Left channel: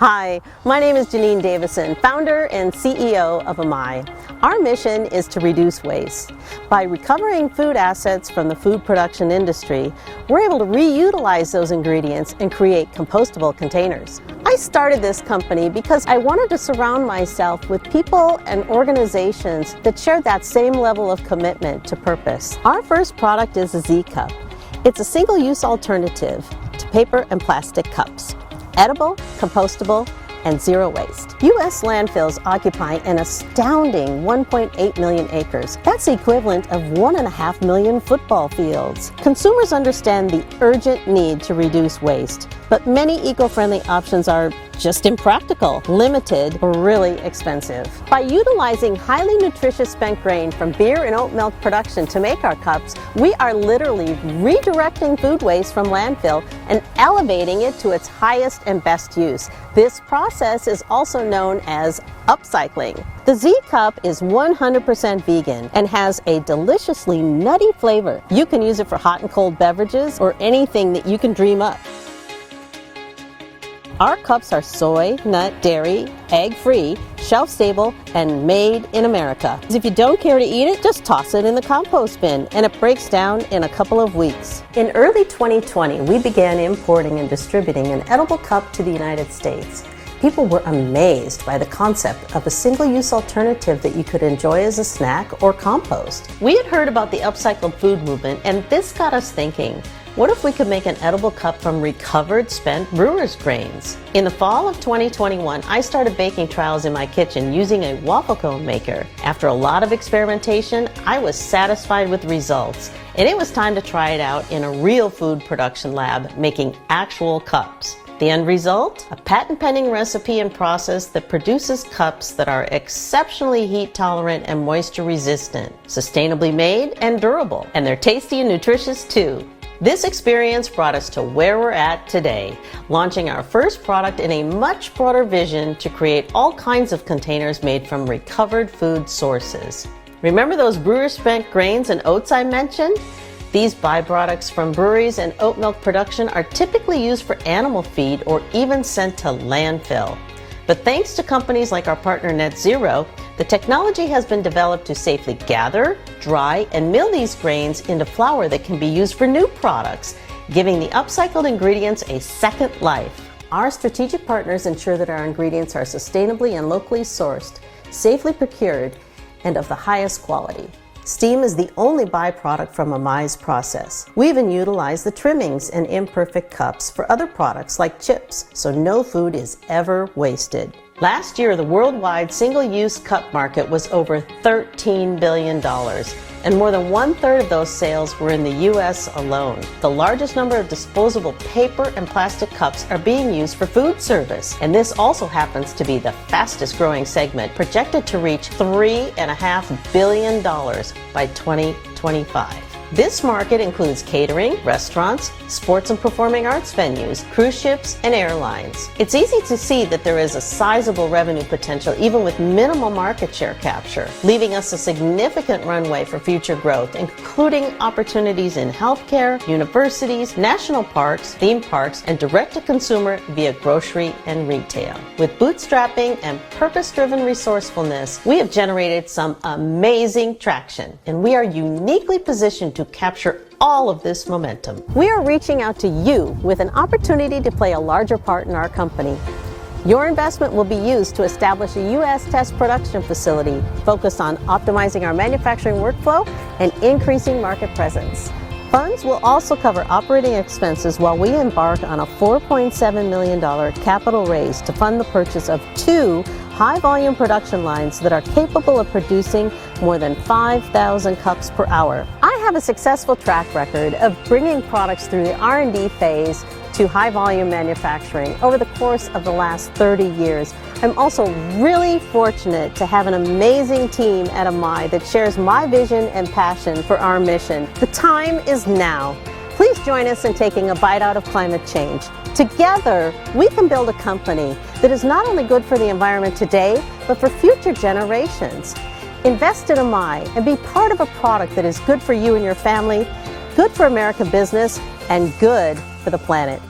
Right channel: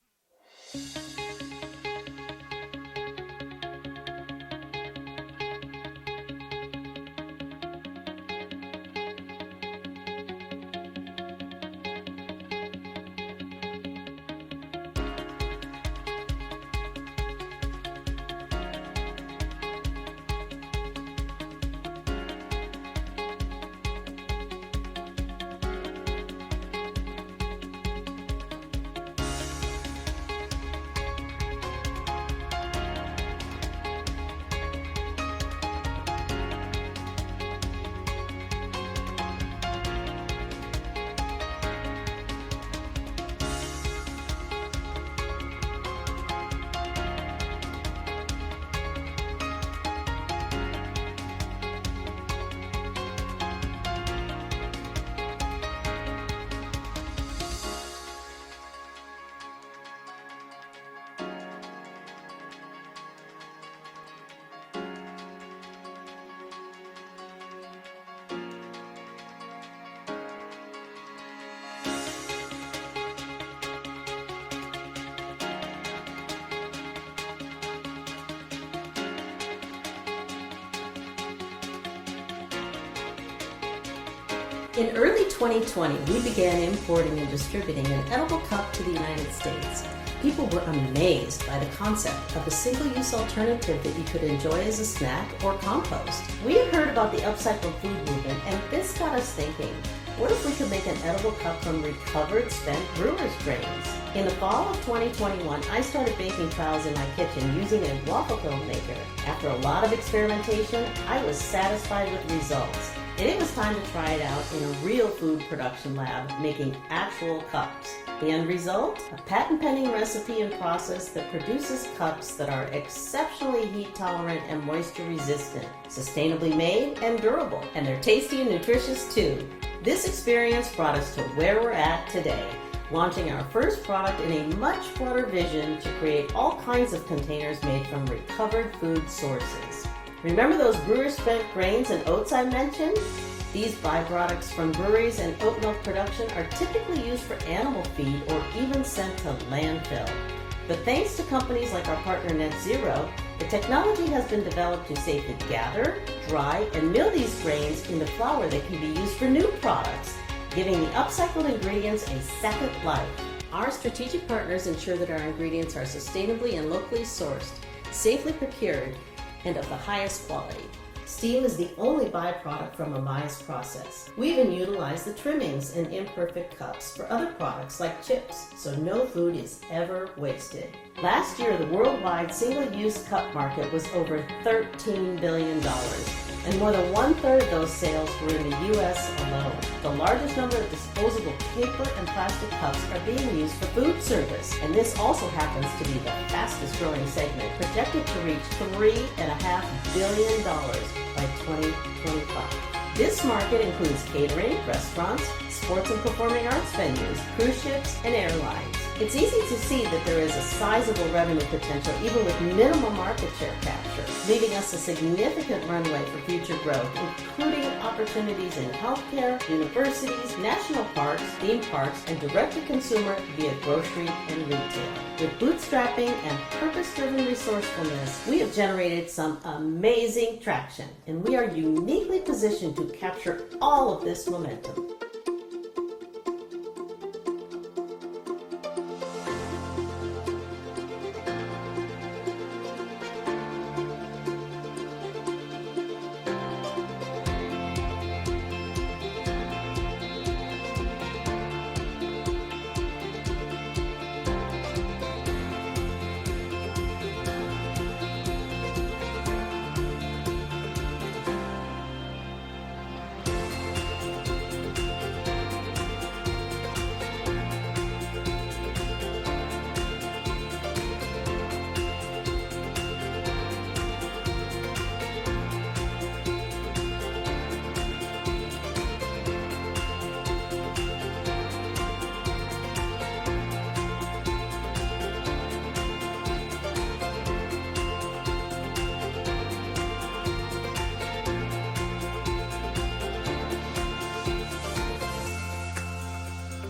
Hi, my name is Janine Davison, founder and CEO of Amai. Our mission is to reduce waste. By recovering food assets from the food production industry, we're able to reutilize those ingredients and create compostable containers. I started this company because I wanted to surround myself with people and organizations that shared that same level of commitment to purpose. Our first product is a Z-Cup. It's a single-use alternative to paper and plastic cups. Edible, compostable, and zero waste. U.S. landfills occupy an astounding 1.8 million acres. That's the equivalent of 1.5 million football fields. Consumers understand the urgent need to reduce waste, but many eco-friendly options are just impractical, limited, or really expensive. By utilizing highly nutritious spent grain from beer and oat milk production to make our cups, we are literally redirecting food waste from landfill and elevating it to its highest and best use. This process is also known as upcycling. The Z-Cup is 100% vegan and has a deliciously nutty flavor. You can use it for hot and cold beverages or anything that you can dream up. Our cups are soy, nut, dairy, egg-free, shelf-stable, and made in America. If you don't care to eat it, just toss it in the compost bin, and it breaks down in a couple of weeks. In early 2020, we began importing and distributing an edible cup to the United States. People were amazed by the concept of a single-use alternative that you could enjoy as a snack or compost. We had heard about the upcycled food movement, and this got us thinking, what if we could make an edible cup from recovered spent brewer's grains? In the fall of 2021, I started baking trials in my kitchen using a waffle cone maker. After a lot of experimentation, I was satisfied with results, and it was time to try it out in a real food production lab making actual cups. The end result? A patent-pending recipe and process that produces cups that are exceptionally heat-tolerant and moisture-resistant, sustainably made and durable, and they're tasty and nutritious too. This experience brought us to where we're at today, launching our first product in a much broader vision to create all kinds of containers made from recovered food sources. Remember those brewer-spent grains and oats I mentioned? These byproducts from breweries and oat milk production are typically used for animal feed or even sent to landfill. But thanks to companies like our partner Net Zero, the technology has been developed to safely gather, dry, and mill these grains into flour that can be used for new products, giving the upcycled ingredients a second life. Our strategic partners ensure that our ingredients are sustainably and locally sourced, safely procured, and of the highest quality. Steam is the only byproduct from Amai's process. We even utilize the trimmings and imperfect cups for other products like chips, so no food is ever wasted. Last year, the worldwide single-use cup market was over $13 billion, and more than 1/3 of those sales were in the U.S. alone. The largest number of disposable paper and plastic cups are being used for food service, and this also happens to be the fastest growing segment, projected to reach $3.5 billion by 2025. This market includes catering, restaurants, sports and performing arts venues, cruise ships, and airlines. It's easy to see that there is a sizable revenue potential even with minimal market share capture, leaving us a significant runway for future growth, including opportunities in healthcare, universities, national parks, theme parks, and direct-to-consumer via grocery and retail. With bootstrapping and purpose-driven resourcefulness, we have generated some amazing traction, and we are uniquely positioned to capture all of this momentum. We are reaching out to you with an opportunity to play a larger part in our company. Your investment will be used to establish a U.S. test production facility focused on optimizing our manufacturing workflow and increasing market presence. Funds will also cover operating expenses while we embark on a $4.7 million capital raise to fund the purchase of 2 high-volume production lines that are capable of producing more than 5,000 cups per hour. I have a successful track record of bringing products through the R&D phase to high-volume manufacturing over the course of the last 30 years. I'm also really fortunate to have an amazing team at Amai that shares my vision and passion for our mission. The time is now. Please join us in taking a bite out of climate change. Together, we can build a company that is not only good for the environment today, but for future generations. Invest in Amai and be part of a product that is good for you and your family, good for American business, and good for the planet.